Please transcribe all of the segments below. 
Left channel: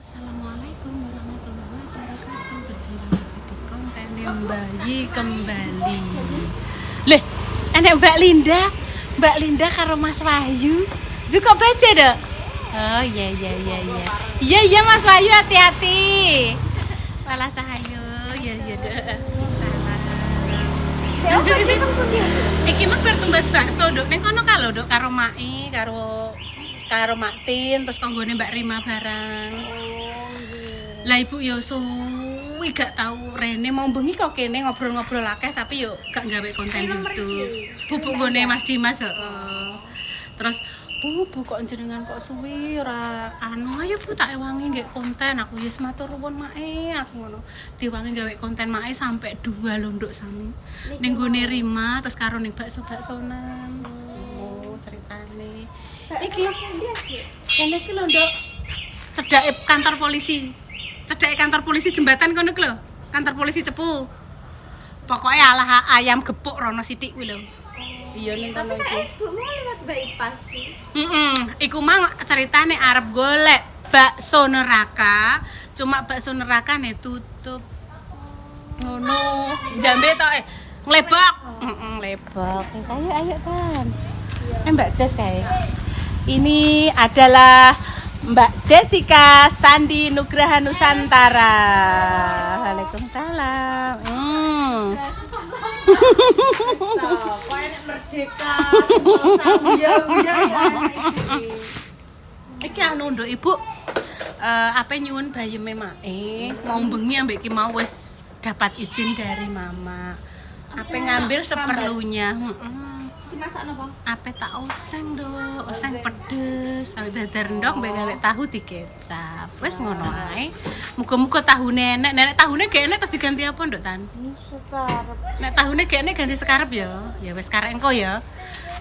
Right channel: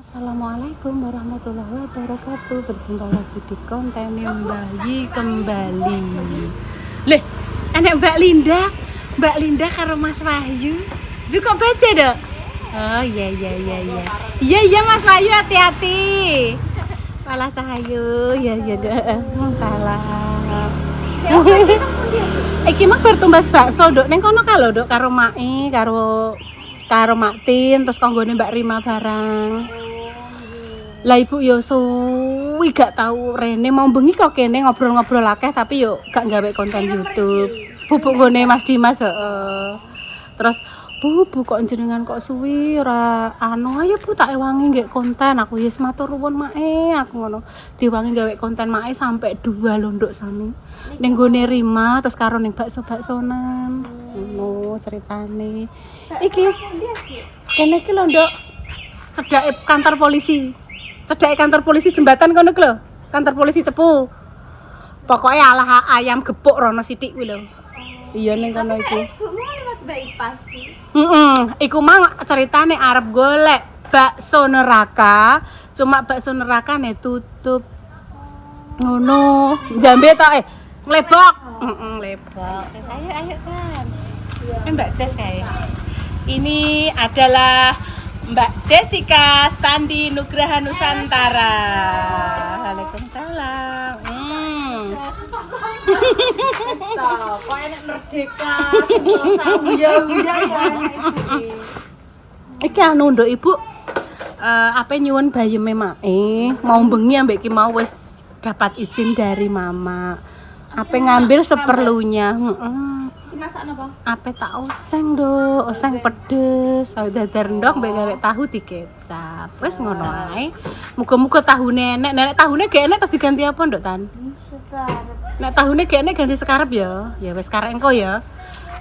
Assalamualaikum warahmatullahi wabarakatuh. Berjumpa lagi di konten bayi kembali. Leh, enek Mbak Linda karo Mas Wahyu. Juga baca dok. Oh iya. Iya Mas Wahyu, hati-hati. Malah Cahayu, ya dok. Salah. Iki mah bertumbas bakso dok. Neng kono kalau dok karo Mai, karo Maktin, terus konggone Mbak Rima barang. Lah ibu yo suwi gak tahu Rene mau bengi kok kene ngobrol-ngobrol akeh tapi yo gak gawe konten YouTube. Bubuk gone Mas Dimas heeh. Terus Bu kok jenengan kok suwi ora ayo Bu tak ewangi nggih konten aku wis matur nuwun Mae aku ngono. Diwangi gawe konten Mae sampai 2 londok sami. Ning gone Rima terus karo ning bakso-baksonan. Ngono ceritane. Iki kene iki londok cedake kantor polisi. Cedake kantor polisi jembatan kono lho. Kantor polisi Cepu. Pokoknya alah ayam gepuk rono sithik kuwi lho. Iya ning kono iki. Ibumu lewat bypass sih. Iku mang ceritane arep golek bakso neraka, cuma bakso nerakane tutup. Ngono. Jambe tok nglebok. Nglebok. Ayo kan. Mbak Jess kae. Ini adalah Mbak Jessica Sandi Nugraha Nusantara. Waalaikumsalam. Kok enak merdeka, sentosa buya ya Iki anu nduk Ibu. Apa nyuwun bayeme Mae, mau bengi ambek ki mau wis dapat izin dari Mama. Apa ngambil seperlunya, dimasak napa? Apa tak oseng do, oseng pedes, dadar ndok mbek gawe tahu dikecap. Wis ngono ae. Muga-muga tahune enek tahune gak enek terus diganti apa nduk Tan? Sekarep. Nek tahune gak enek ganti sekarep ya. Ya wis karek engko ya.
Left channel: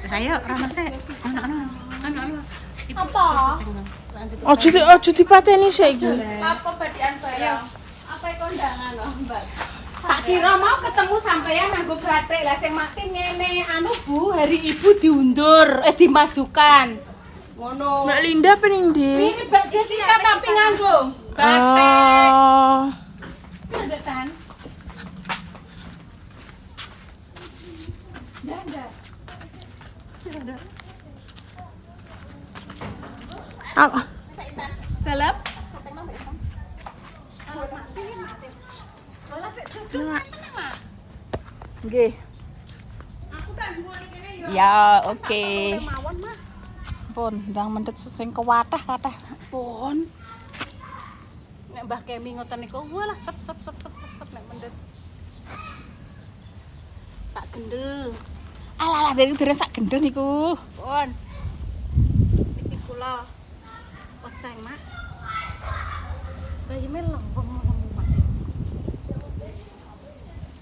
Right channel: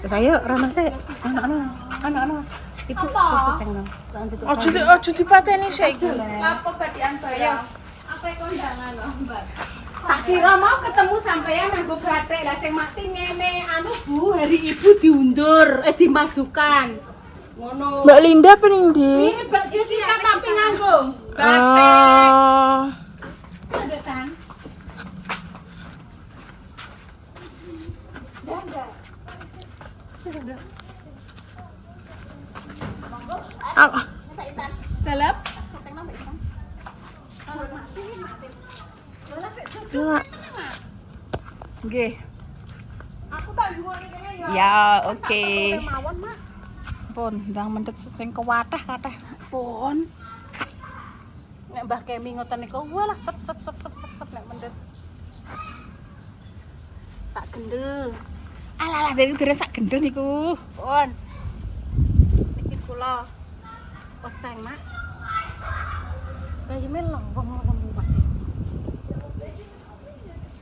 Wis ayo rono sik. Anak-anak. Ibu syuting dong. Lanjut. Ojo dipateni saiki. Apa badian saya? Apa kondangan lho, Mbak? Tak kira mau ketemu sampean nang batik lah sing Maktin ngene anu Bu, hari Ibu diundur, dimajukan. Ngono. Mbak Linda pening ndi? Ini Mbak Jessica tapi nganggo batik. Oh. Ada Tan. Ah, Dalep. nggih. Aku tak jual kene ya. Ya, oke. Mawon mah. Pun ndang mendet sing kewathah-kathah. Pun. Nek Mbah Kemi ngoten niku walah sep nek mendet. Sak gendel. Alah dari dereng sak gendeng niku. Pun. Niki kula oseng, Mak. Bayeme lembung Mak.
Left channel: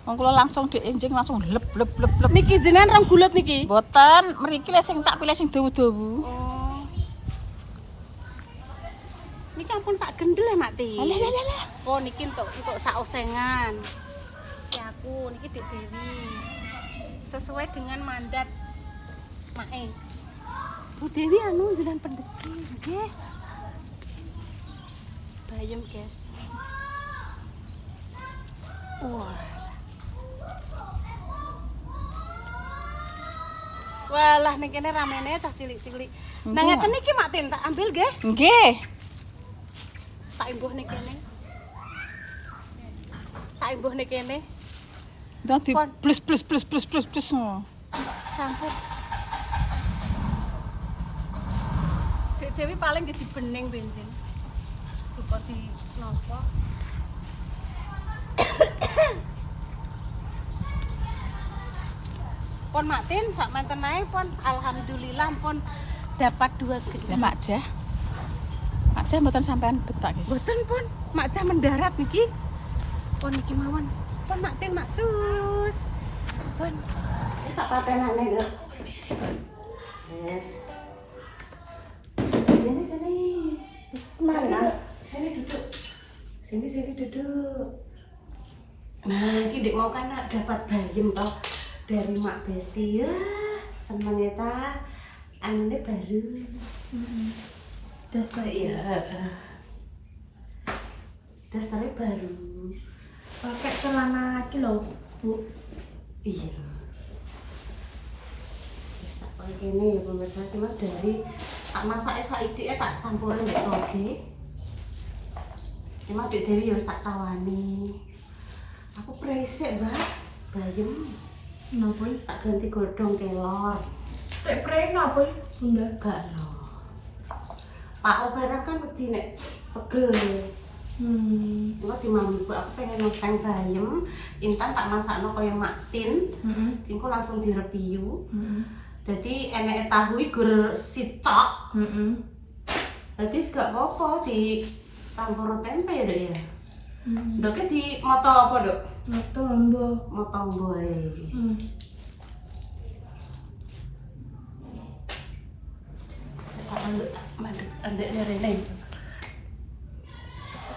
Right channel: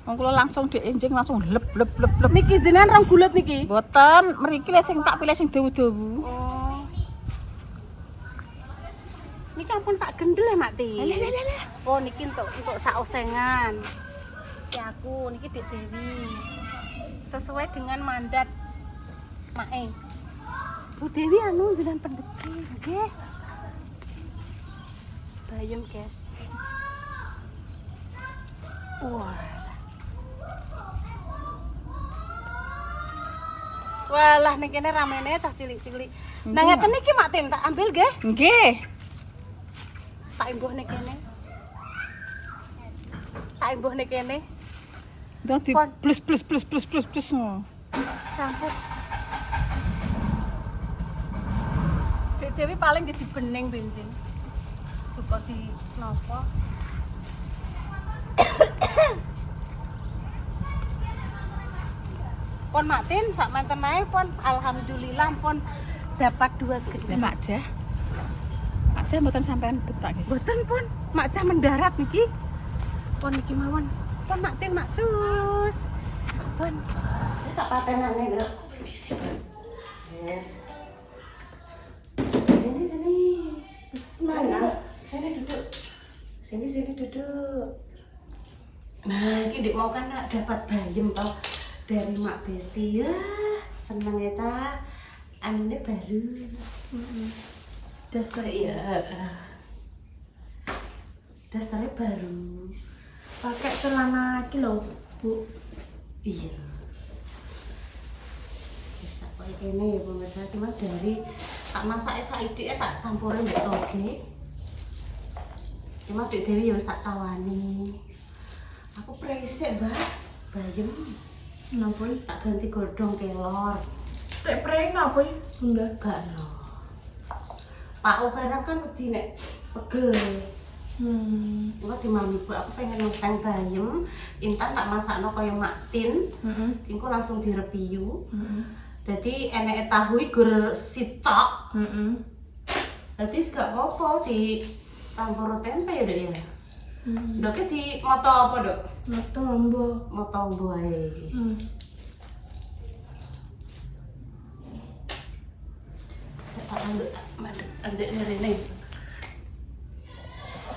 Wong kula langsung dienjing langsung lep. Niki jenengan rong gulet niki. Mboten, mriki le sing tak pilih sing dawu-dawu. Oh. Niki ampun sak gendel ya, Mak Ti. Alah. Oh, niki untuk sak osengan. Ki aku niki Dik Dewi. Sesuai dengan mandat Mae. Bu Dewi anu jenengan pendeki, nggih. Bayem, guys. Wah. Walah ning kene ramene cah cilik-cilik. Nah ngeten iki Mak Tin tak ambil nggih. Nggih. Tak imbuh ning kene. Ndang di Pon. plus. Sampun. Dek Dewi paling di bening bensin. Duka di napa? Pon Maktin sak menten ae pon alhamdulillah pon dapat 2 gendeng. Lah Mak Jah. Mak Jah mboten sampean betak nggih. Mboten pon, Mak Jah mendarat niki. Pon niki mawon. Pon Maktin Mak Cus. Pon. Sak patenane lho. Yes. Sini. Mana? Sini duduk. Nah, iki Dik mau kan dapat bayem toh dari Mak Besti ya. Seneng ya, Cah. Anune baru. Dapat ya. dasternya baru. Pakai celana laki loh, Bu. Iya. Wis tak koyo kene pemirsa iki mah dari tak masake saiki tak campurin mbek toge. Cuma Dek Dewi ya wis tak tawani. Aku presek, Mbak. Bayem. Napa? Tak ganti godhong kelor. Nek prei napa, Bunda? Gak lho. Pak barang kan wedi nek pegel. Enggak di mami Bu, aku pengen ngoseng bayem. Intan tak masakno kaya maktin. Engko langsung direpiyu. Jadi eneke tahu gur sicok. Jadi gak apa-apa dicampur tempe ya, Dok ya. Doknya di moto apa, Dok? Moto lombo. Moto ae iki. Tak mandek andek rene.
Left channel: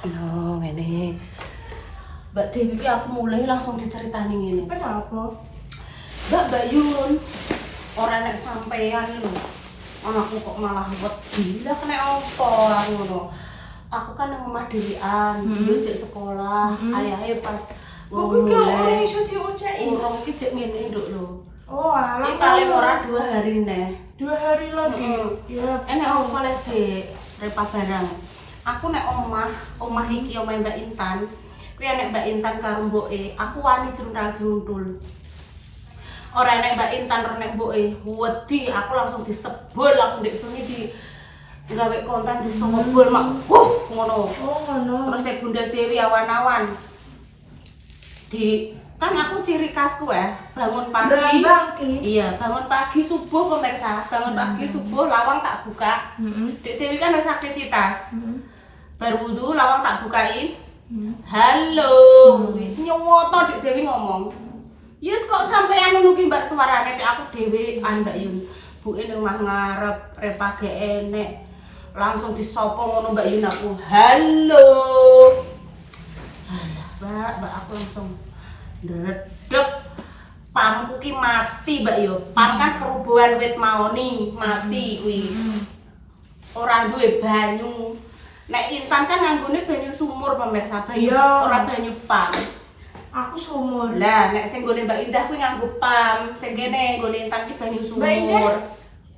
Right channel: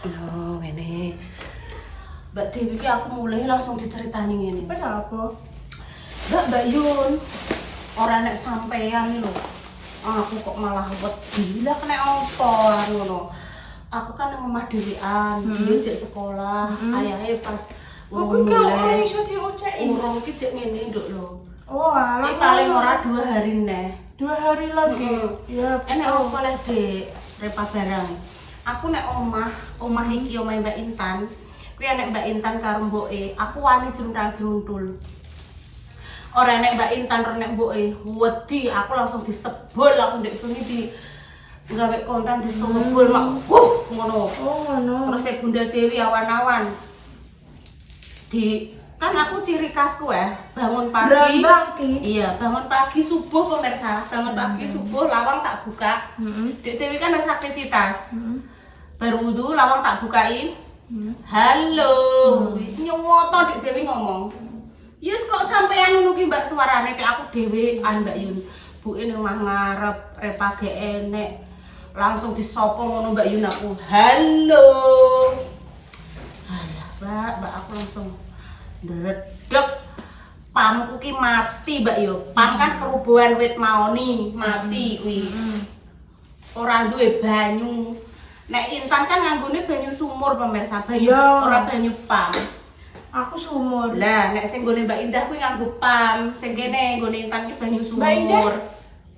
No, ngene. Mbak Dewi iki aku mulai langsung diceritani ngene. Kenapa? Mbak Yun, ora nek sampean lho. Aku kok malah wedi. Lah kena apa aku ngono. Aku kan nang omah dhewean, dia cek sekolah, ayahe pas urung mulai. Urung iki cek ngene nduk lho. Oh, alah. Ini paling ora 2 hari neh. 2 hari lagi. Ya. Enek apa oleh Dek repa barang. Aku nek omah iki omah Mbak Intan. Kuwi enek Mbak Intan karo mboke, aku wani jruntal-jruntul. Ora nek Mbak Intan ora nek mboke, wedi aku langsung disebul aku ndek bengi di gawe kontan disebul mak ngono. Oh, ngono. Terus Bunda Dewi awan-awan. Kan aku ciri khasku bangun pagi. Iya, bangun pagi subuh pemirsa. Bangun pagi subuh lawang tak buka. Dek Dewi kan ada aktivitas. Baru wudu lawang tak bukain. Halo, nyowoto Dek Dewi ngomong. Yes kok sampean ngono ki Mbak suarane nek aku dhewean Mbak Yun. Buke ning omah ngarep repa ge enek. Langsung disopo ngono Mbak Yun aku. Halo. Alah, Mbak aku langsung ndredeg. Pamku ki mati Mbak yo. Pam kan kerubuhan wit maoni, mati kuwi. Ora duwe banyu. Nek Intan kan nganggone banyu sumur pemirsa, banyu ora banyu pam. Aku sumur. Lah nek sing nggone Mbak Indah kuwi nganggo pam, sing kene nggone Intan ki banyu sumur.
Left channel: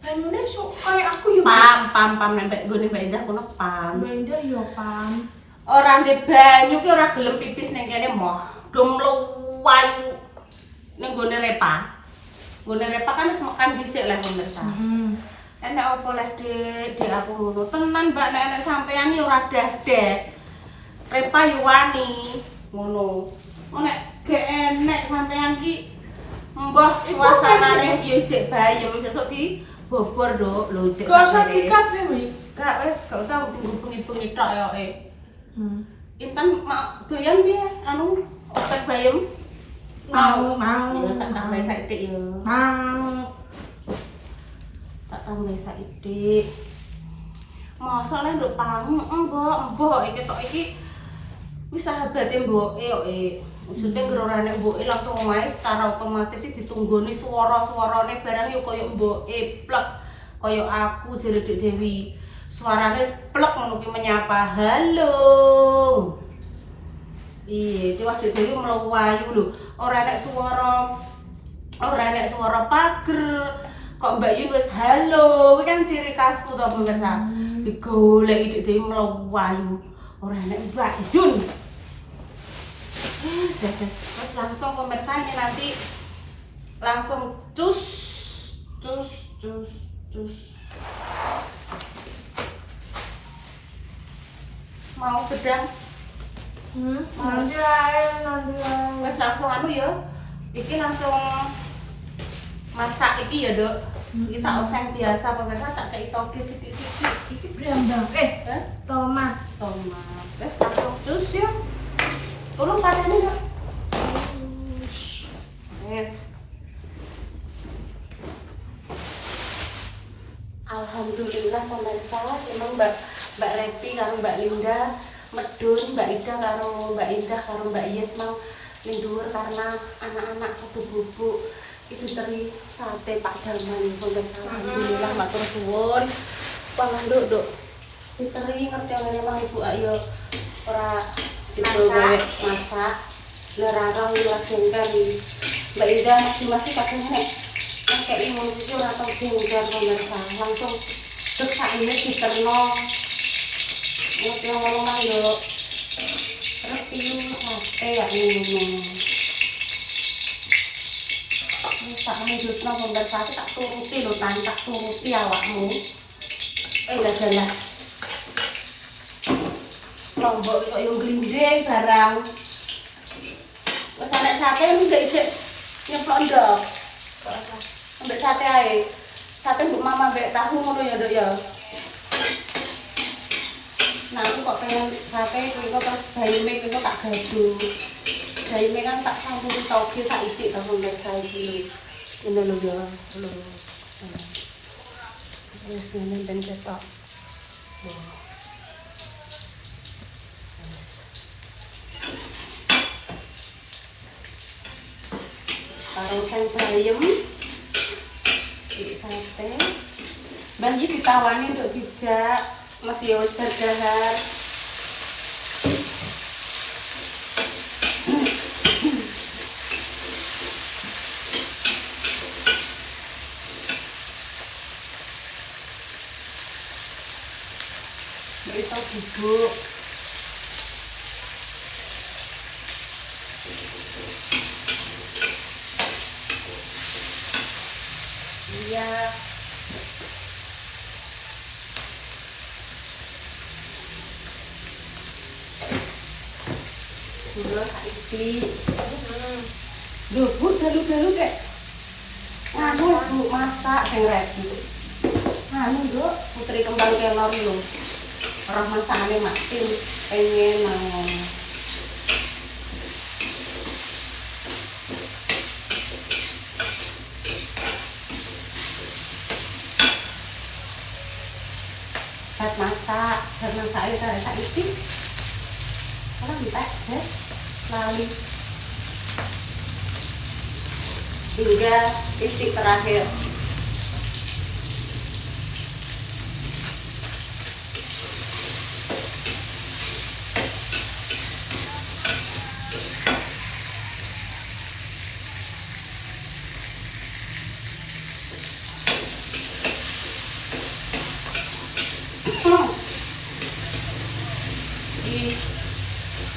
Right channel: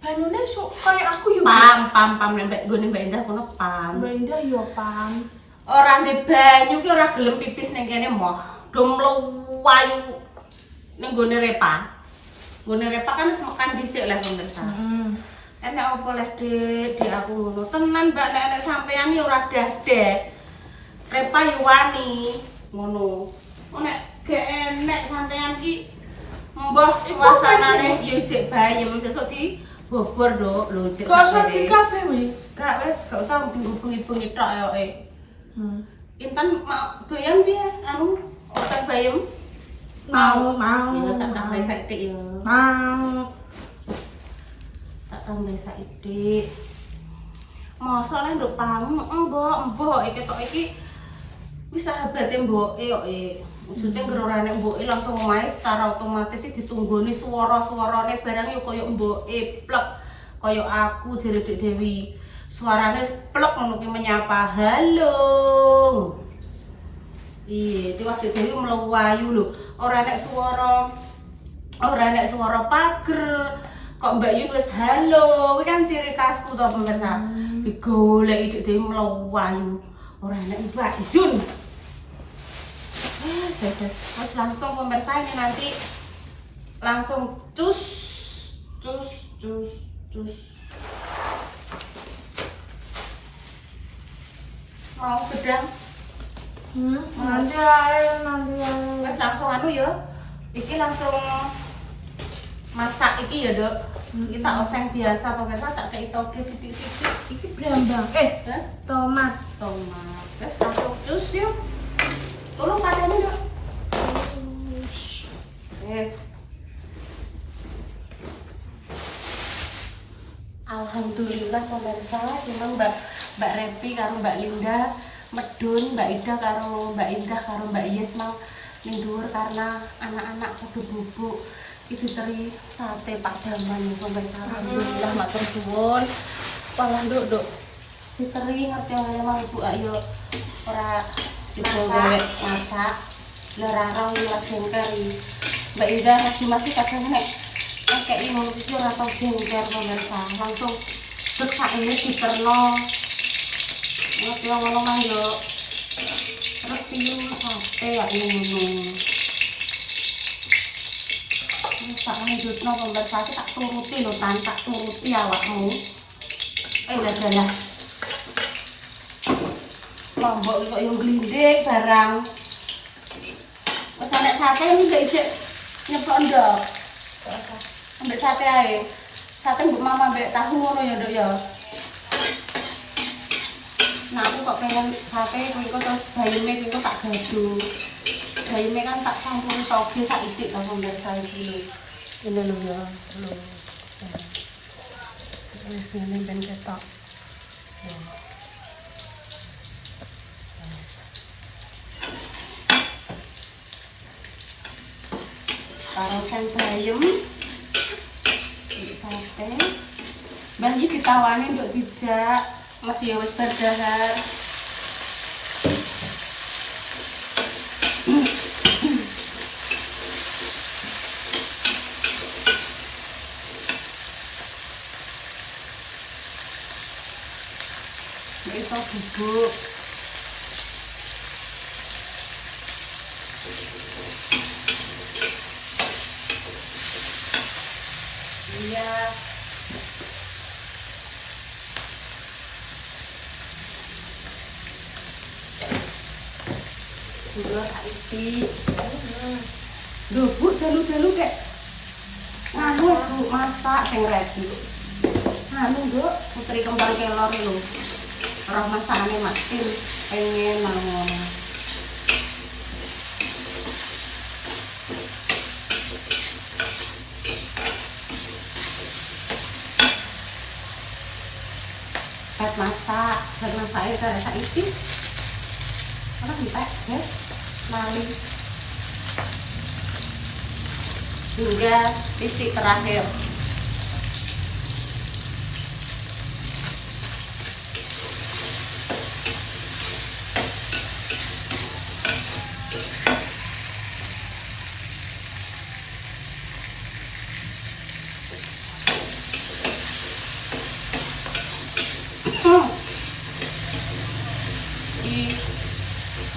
Banyune kaya aku yo. Pam nek nggone Mbak Indah kono pam. Mbak Indah yo pam. Ora ndek banyu ki ora gelem pipis ning kene moh. Do mluwayu ning nggone repa. Nggone repa kan wis makan dhisik lah pemirsa. Enek apa leh Dek aku ngono. Tenan Mbak nek sampean iki ora dadek. Repa yo wani ngono. Nek gek enek sampean ki mbah suasanane yo jek bayem sesuk di bobor Dok. Lho jek sakjane. Gak Gak wis gak usah bengi-bengi tok yoke. Intan doyan piye anu otak bayem? Mau. Ya sak tambah saithik yo. Mau. Tak tambah saithik. Mosok nek nduk pang, mbok iki tok iki wis sahabate mboke kok Maksudnya ngerora nek mboke langsung omahe secara otomatis ditunggoni swara-swarane barang yo koyo mboke plek koyo aku jare Dek Dewi. Suarane wis plek ngono ki menyapa. Halo. Iya, tiwas Dek Dewi mlewayu lho. Ora nek swara pager. Kok Mbak Yun wis halo, kuwi kan ciri khasku to pemirsa. Digoleki Dek Dewi mlewayu. Ora nek Mbak Yun. Wes langsung pemirsa ini nanti langsung cus. Mau gedang? Nanti ae. Wes langsung anu ya. Iki langsung masak iki ya, Dok. Kita oseng biasa pemirsa tak kei toge sithik-sithik. Iki brambang. Tomat. Wes langsung cus ya. Tolong pateni, Dok. Yes. Alhamdulillah pemirsa, memang Mbak Repi karo Mbak Linda medun, Mbak Ida karo Mbak Indah karo Mbak Yes mau ning dhuwur karena anak-anak kudu bubuk. Itu teri sate Pak Jaman pemirsa. Alhamdulillah matur suwun. Pangan Dok. Diteri ngerti memang Ibu ayo ora sipil gawe masak lerarang lagi kari Mbak Ida masih kadang nek kayak ini itu ora tau jengker pemirsa langsung dek sak ini diterno yang ngomong yo terus piu sate ya ngono tak lanjutno pemirsa tak turuti lho tak turuti awakmu dalah lombok kok yo glinding barang wis nek sate nggak ijek nyeplok ndok ambek sate ae sate mbok mama ambek tahu ngono ya nduk ya nah aku kok pengen sate kuwi kok terus bayame kuwi kok tak gadu bayame kan tak campuri toge sak itik karo pemirsa iki lho ini lho ya lho wis ngene ben ketok Parang sen bayam sate ban iki ditawani untuk dijak masih ya wis berdahar itu bubuk iya dulu saiki duh bu dalu-dalu kek nganu bu masak sing redu anu nduk putri kembang kelor lho roh masakane mati pengen mangan buat masak itu rasa isi apa kita lali hingga titik terakhir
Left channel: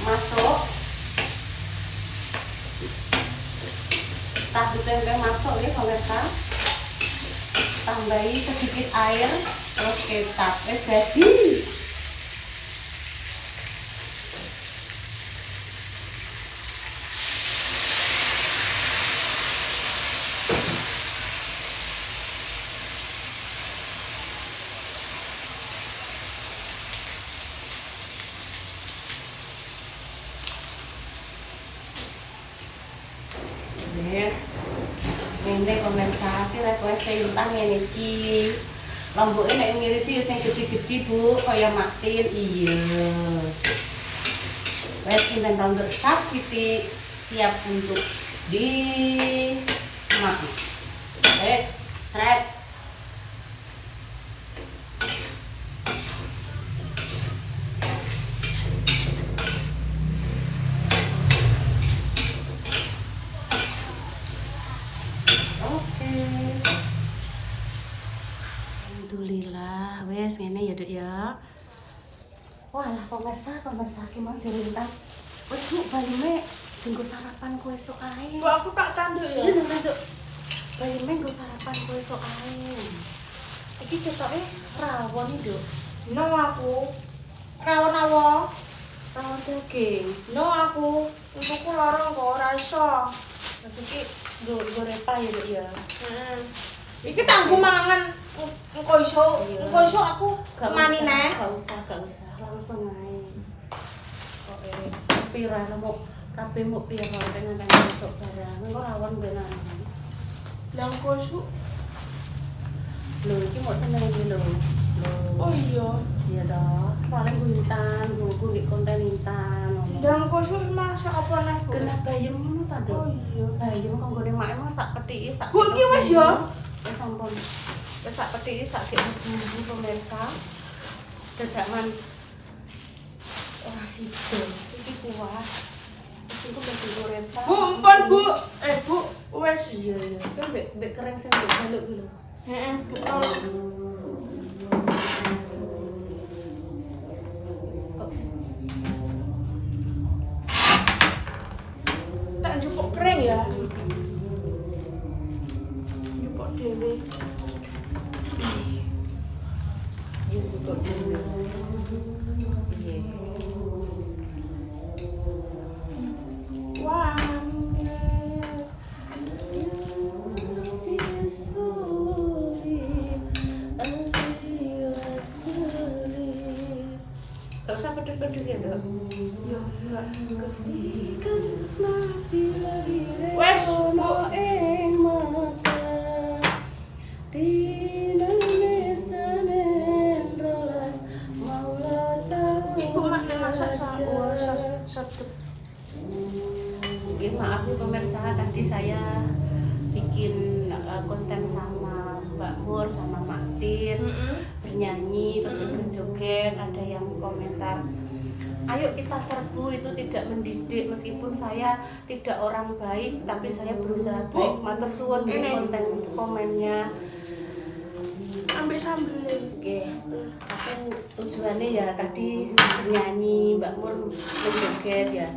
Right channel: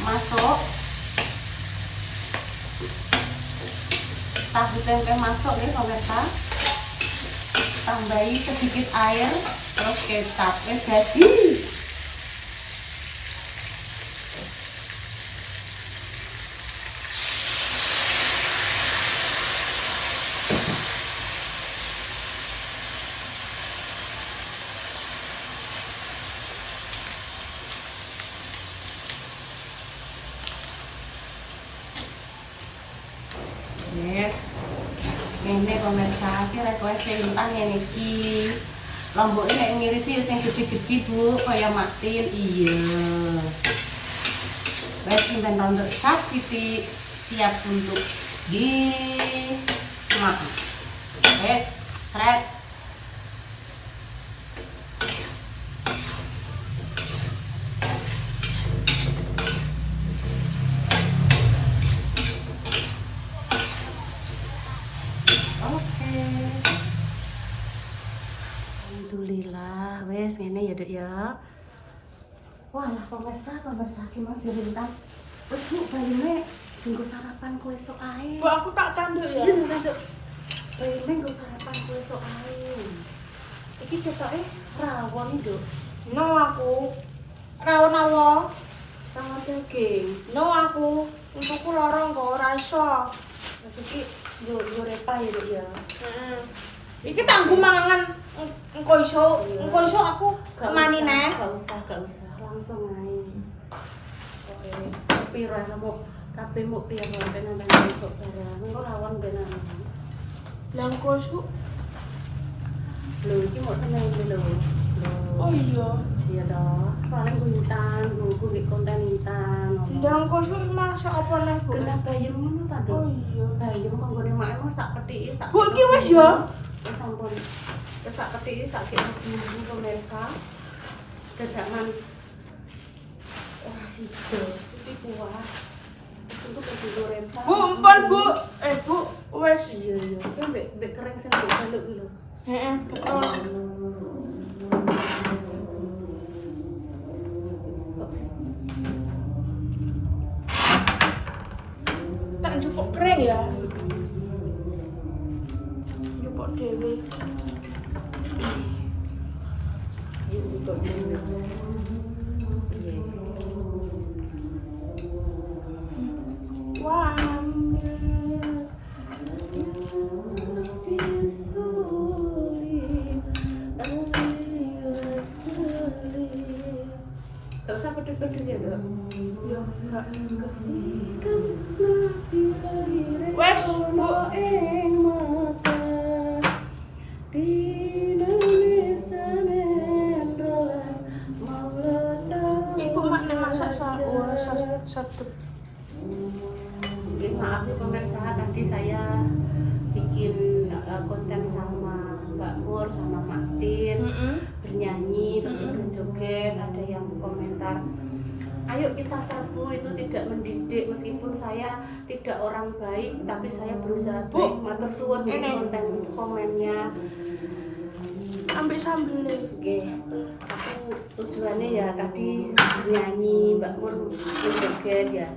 masuk tahu tempe masuk nih pemirsa tambahi sedikit air terus kecap jadi yes ini pemirsa kira kue sayuran ini ki lomboknya kayak ngirisi yang gede-gede bu kayak matin iya wes ini untuk sak Siti siap untuk dimakan wes seret alhamdulillah wes ngene ya dek ya wah pemirsa gimana cerita wes bu bayune tunggu sarapan kue esok ae Bu aku tak tanduk ya. iya nduk bayune nggo sarapan kue esok ae iki ketoke rawon nduk No aku. Rawon awo. rawon daging No aku. Untukku lorong kok ora iso. iki nggo repah ya dek ya Iki tanggu mangan engko iso aku mani neh. gak usah langsung ae oke pira lemu kabeh mu pira pengen besok barang engko rawon benan Lah engko iso. lho iki mau seneng iki lho Oh iya. iya toh paling ku intan ku di konten intan Ndang engko iso masak apa neh, Bu? kena bayam ngono ta Oh Dok iya. bayam kanggo ning mak emang tak petiki tak Bu iki wis ya. wis sampun wis tak petiki tak kek bumbu pemirsa dedakan sido. Iki kuat. Itu penting goreng. Bu, empon Bu. Bu, wes. Iya iya. Kan mbek kering sing mbek jaluk iki lho. Heeh, betul. Tak njupuk kering ya. Njupuk dhewe. Iya kok dulu. Iya. Wah. Gak usah pedes-pedes ya, Dok. Yo, enggak. Wes, Bu. Ibu mak nek masak sedep. Maaf ya pemirsa, tadi saya bikin konten sama Mbak Mur sama Mak Tin bernyanyi terus juga joget. Ada yang komentar, ayo kita serbu, itu tidak mendidik. Meskipun saya tidak orang baik tapi saya berusaha baik. Matur suwun di konten komennya. Ambil sambelnya. Oke, tapi tujuannya ya tadi bernyanyi, Mbak Mur menjoget ya,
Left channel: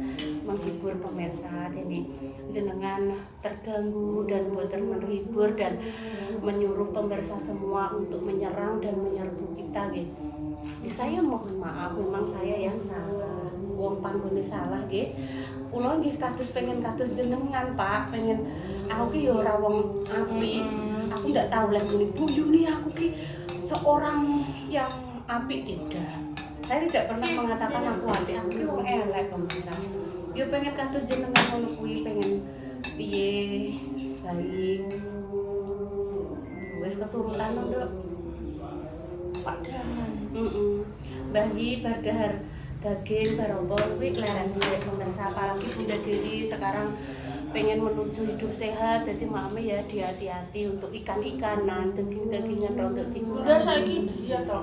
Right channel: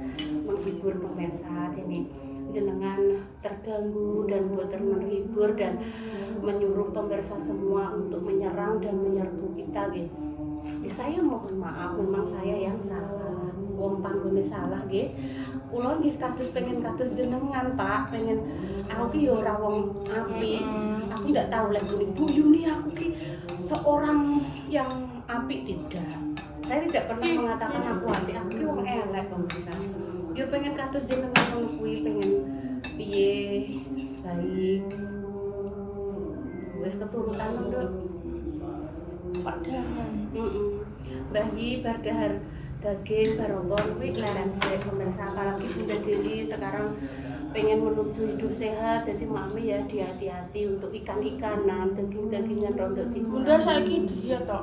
menghibur pemirsa ini. Jenengan terganggu dan boten menghibur dan menyuruh pemirsa semua untuk menyerang dan menyerbu kita gitu. Saya mohon maaf, memang saya yang salah. Wong panggone salah nggih. Kula nggih kados pengen kados jenengan, Pak. Pengen aku ki ya ora wong apik. Aku ndak tahu lek Bu Yuni aku ki seorang yang apik tidak. Saya tidak pernah mengatakan aku apik. Aku ki wong elek pemirsa. Yo pengen kados jenengan ngono kuwi, pengen piye baik. Wis keturutan lho, Nduk. Pak Daman. Bagi bardahar daging barombong kuwi klereng sik pemirsa, apalagi Bunda Dewi sekarang pengen menuju hidup sehat. Jadi mami ya hati-hati untuk ikan-ikanan, daging-dagingan rontok dikurangi. Bunda saiki dia tok.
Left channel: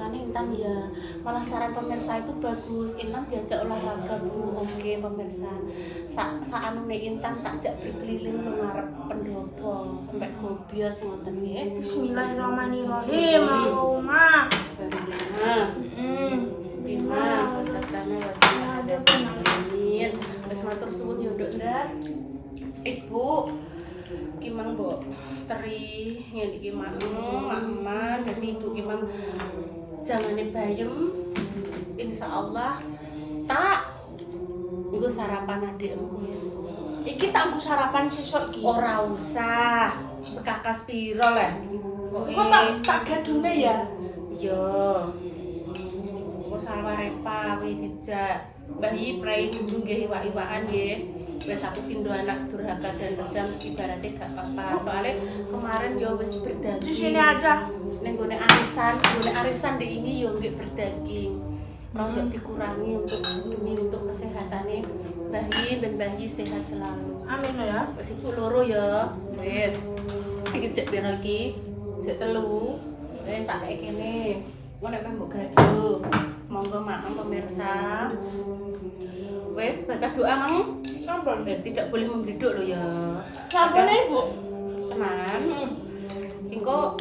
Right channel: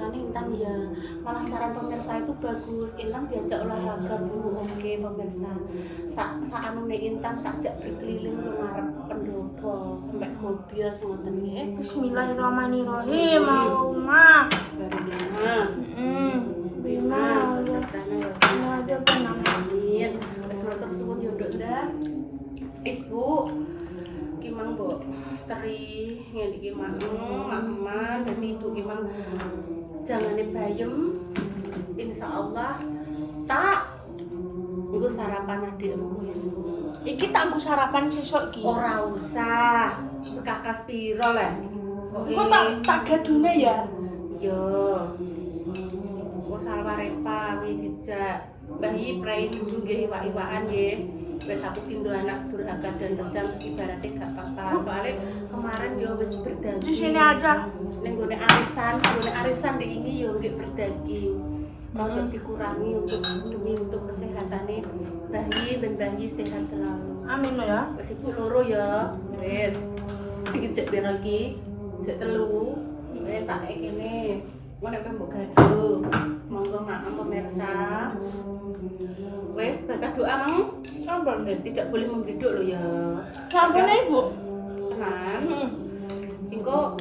Makanya Intan ya malah saran pemirsa itu bagus. Intan diajak olahraga Bu. Oke pemirsa, saanune Intan tak jak berkeliling lu ngarep pendopo sampai gobios ngoten nggih. Bismillahirrahmanirrahim. Allahumma. Barillah. Bima sertane ya ada penangin. Wis matur suwun yo Nduk ndah. Ibu ki mang mbok teri ngene iki mang aman. Dadi ibu ki mang jangane bayem. Insyaallah tak nggo sarapan adikmu esuk. Iki tak nggo sarapan sesuk iki. Ora usah. Bekakas piro lah. Kok tak gadune ya? Yo. Kok salwarepa kuwi dijak. Mbah Yi prai dulu nggih iwak-iwakan nggih. Wis aku tindo anak durhaka dan kejam ibaratnya gak apa-apa. Soalnya kemarin yo wis berdaging. Di sini aja. Ning gone arisan di ini yo nggih berdaging. Untuk dikurangi demi untuk kesehatannya Mbah Yi ben Mbah Yi sehat selalu. Amin ya. Wis ibu loro ya. Wis. Iki jek piro iki? Jek 3. Wis tak kei kene. Ngono nek mbok gaduh. Monggo maaf pemirsa. Wes baca doa mang. Sampun. Tidak boleh memberi doa lo ya. Sampun ya Ibu. Tenan. Singko.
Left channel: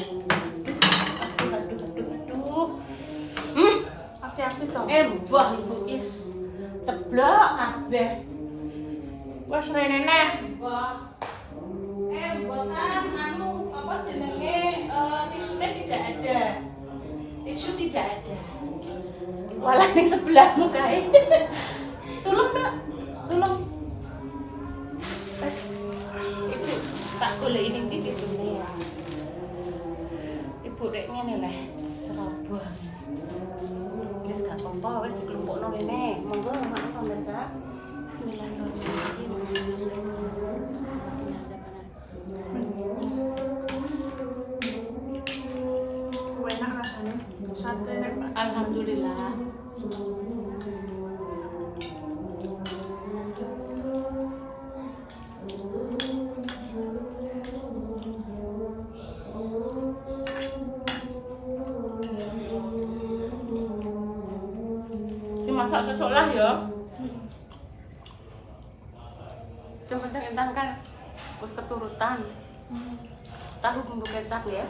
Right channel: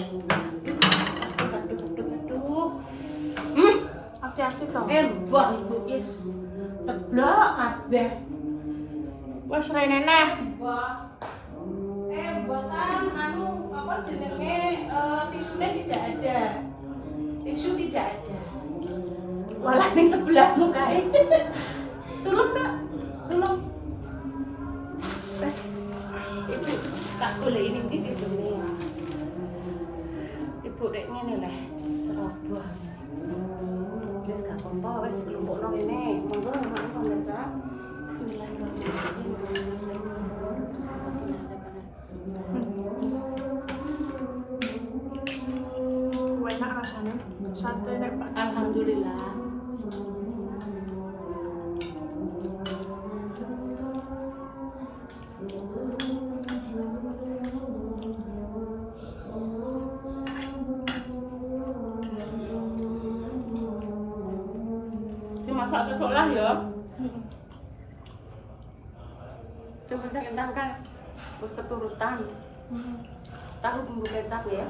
Aduh. Hati-hati toh. Mbah Ibu is ceblok kabeh. Wes rene neh. Mbah. Mbah kan anu apa jenenge tisunya tidak ada. Tisu tidak ada. Malah di sebelahmu kae. Tolong Kak, tolong. Pas ibu tak golek ini iki semua. Ibu rek ngene lah, ceroboh. Wis gak apa-apa, wis dikelompokno rene. Monggo maaf pemirsa. Bismillahirrahmanirrahim. Enak rasanya. Sate nek Pak. Alhamdulillah. masak sesuk lah ya. Yang penting intan kan harus keturutan. Tahu bumbu kecap ya.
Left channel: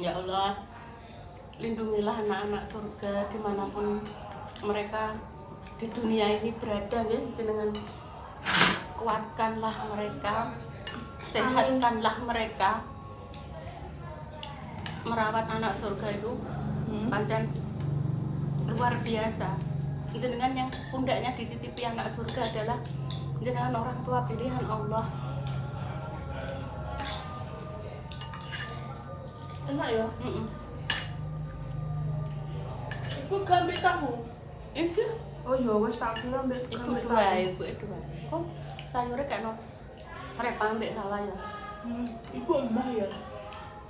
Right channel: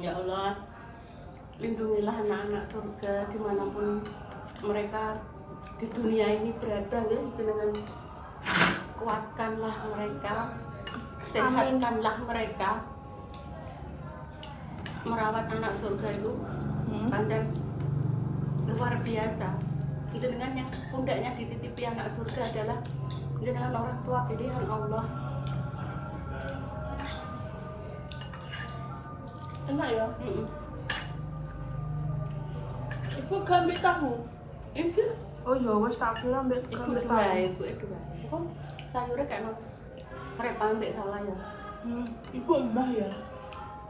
Ya Allah, lindungilah anak-anak surga dimanapun mereka di dunia ini berada ya, jenengan kuatkanlah mereka, sehatkanlah mereka. Merawat anak surga itu pancen luar biasa. Jenengan yang pundaknya dititipi anak surga adalah jenengan orang tua pilihan Allah. Enak ya? Ibu gambar tahu? Itu Oh iya, wes tak kira ambek ibu gambar itu tahu. wae, ibu itu wae. Kok sayurnya kayak no repang mbek salah ya? Ibu embah ya?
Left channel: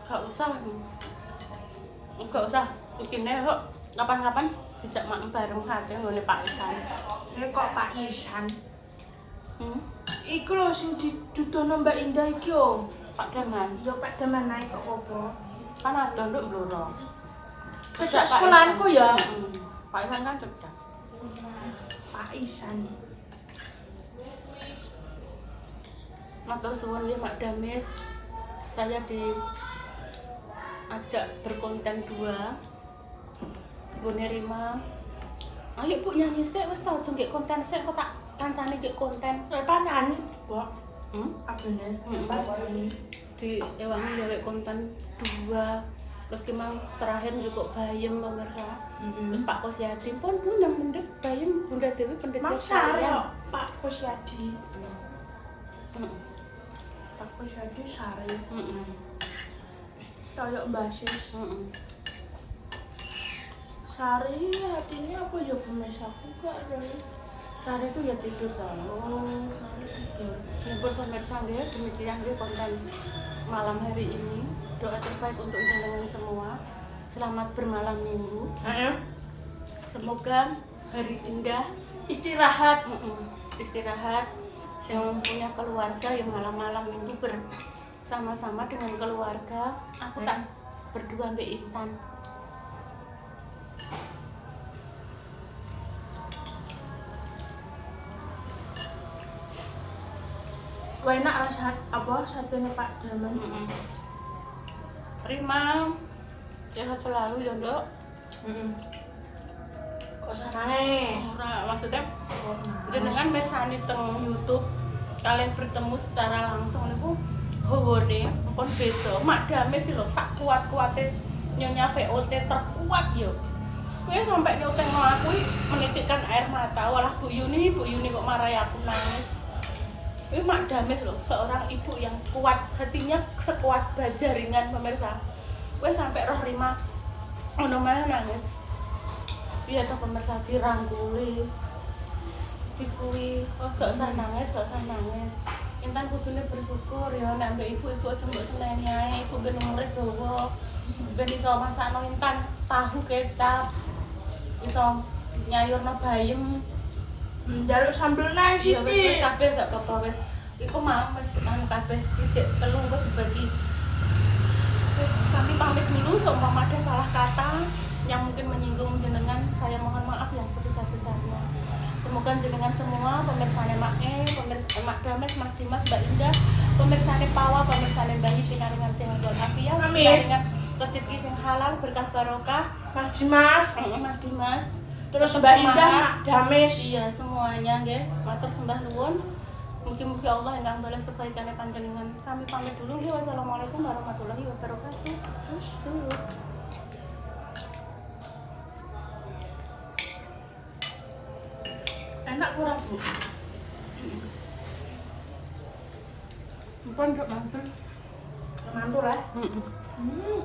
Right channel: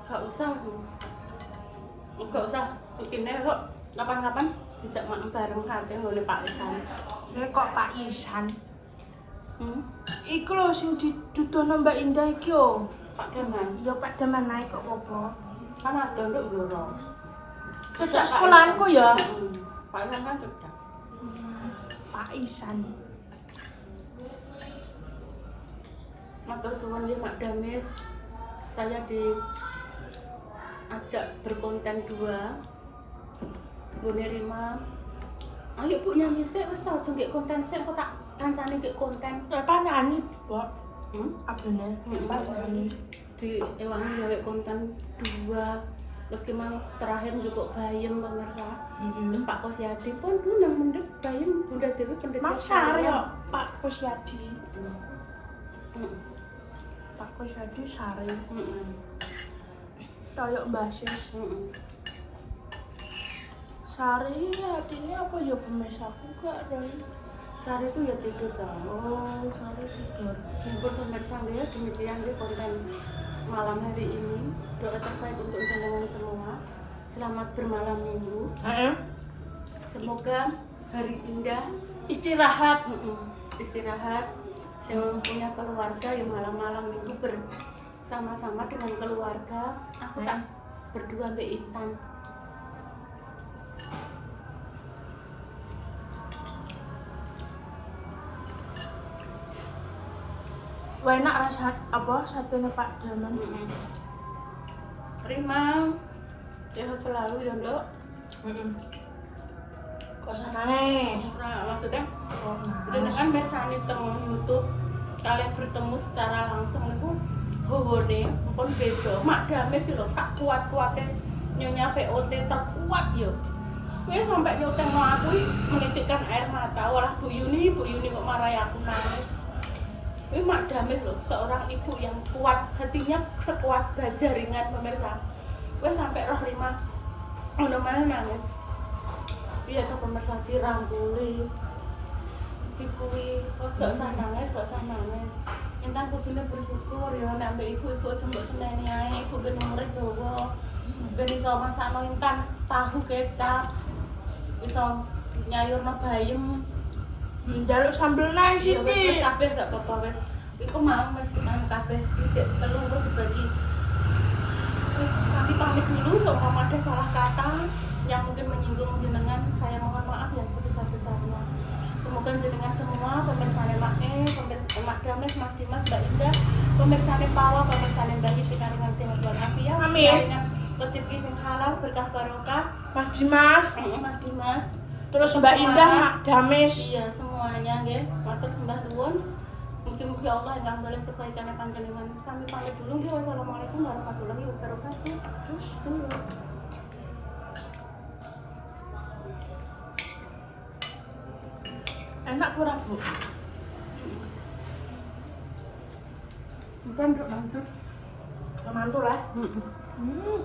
Gak usah. Gak usah. Mungkinnya kok kapan-kapan dijak mak bareng kate ngene Pak Isan. Kok Pak Isan? Iku Iku lho sing didudono Mbak Indah iki yo. Pak Daman. Ya Pak Daman naik kok apa? Kan ada nduk Bloro. Cedak sekolahanku ya. Pak Isan kan cedak. Pak Isan. Matur suwun nggih Mak Damis. Saya diajak berkonten 2. Nggone Rima. Ayo Bu nyanyi sik wis ta aja nggih konten sik kok tak kancane nggih konten. Apa nyanyi, Mbok? Abene, Hmm. apa nyanyi? Di ewangi gawe konten 2. Terus kemang terakhir cukup bayem pemirsa. Terus Pak Kosyadi pun nang mendek bayem Bunda Dewi pendeta. Mang Sare yo, Pak Kosyadi. Heeh. Pak Kosyadi Sare. Heeh. Toyok basis. Heeh. Sare artinya apa ya pemirsaku gak ada. Sare itu ya tidur tau. Oh, Sare tidur. Pun pemirsa nggih demikian nggih konten malam hari ini. Doa terbaik untuk jenengan semua. Selamat bermalam minggu. Semoga hari indah. Istirahat. Istirahat. Yang punya keluarga yang malam-malam minggu bersama-sama dengan keluarga. Aku tak berdua Mbak Intan. Wah enak rasa apa satunya Pak Daman. Rima, sehat selalu ya Nduk. Kok nangis? Ora maksudnya Kok nangis? jenengan mirsani teng YouTube kalian bertemu secara langsung niku howone pun beda. Mak Damis lho sak kuat-kuate nyonya VOC terkuat yo. Kowe sampai nyotengno aku menitikkan air mata walah Bu Yuni kok marahi aku nangis. Ini Mak Damis loh, seorang ibu yang kuat, hatinya sekuat baja ringan pemirsa. Gue sampai roh Rima, ono mana nangis. Iya tuh pemirsa dirangkuli, dikui, oh gak usah nangis. Intan kudune bersyukur ya, nek ambek ibu aja mbok seneni ae, ibu ben murid dawa. Ben iso masakno Intan tahu kecap. Iso nyayurno bayem. Jaluk sambel naik Ya wis Siti. kabeh gak apa-apa wis. Iku mau wis anu kabeh dijek telung kok dibagi. Wis kami pamit dulu seumpama ada salah kata yang mungkin menyinggung jenengan, saya mohon maaf yang sebesar-besarnya. Semoga jenengan semua pemirsane Mak pemirsa Mak Damis, Mas Dimas, Mbak Indah, pemirsane Pawa, pemirsane Mbak Hiti naringan sehat walafiat, Amin. naringan rezeki sing halal, berkah barokah. Mas Dimas, Mas Dimas, terus tetap Mbak Indah, semangat. Mak Damis. Iya semuanya nggih. Matur sembah nuwun. Mugi-mugi Allah ingkang balas kebaikannya panjenengan. Kami pamit dulu nggih. Wassalamualaikum warahmatullahi wabarakatuh. Terus. Enak pura Bu. Mpun nduk mantul. Mantul ya. Heeh.